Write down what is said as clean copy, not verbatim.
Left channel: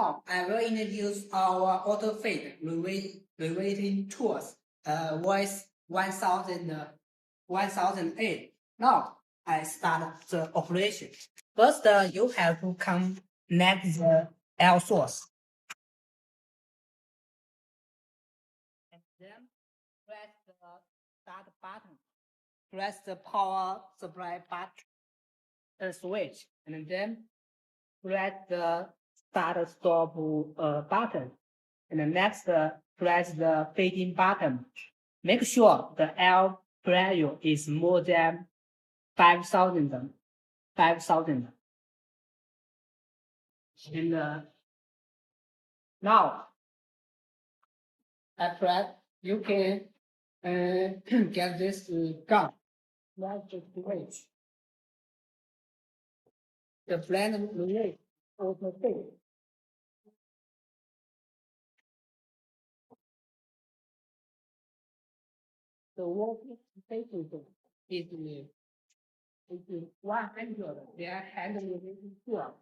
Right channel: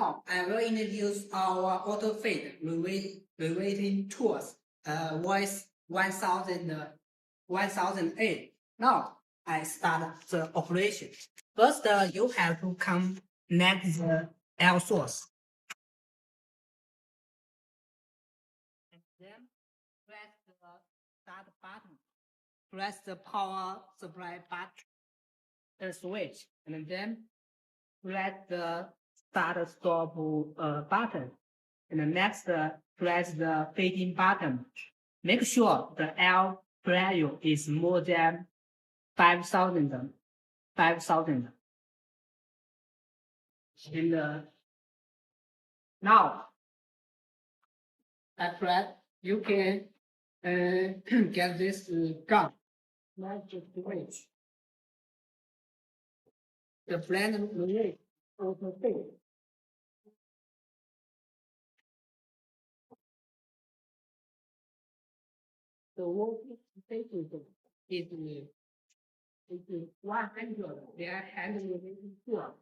Now, I will introduce our Autofeed riveting tools, voice 1008. Now, I start the operation. First, you have to connect the L source. And then press the start button. Press the power supply button switch, and then press the start stop button. And next, press the fading button. Make sure the L value is more than 5,000. And now, at press, you can get this gun. Like the switch. The blend relay Autofeed. The working status is 100. They are handling sure.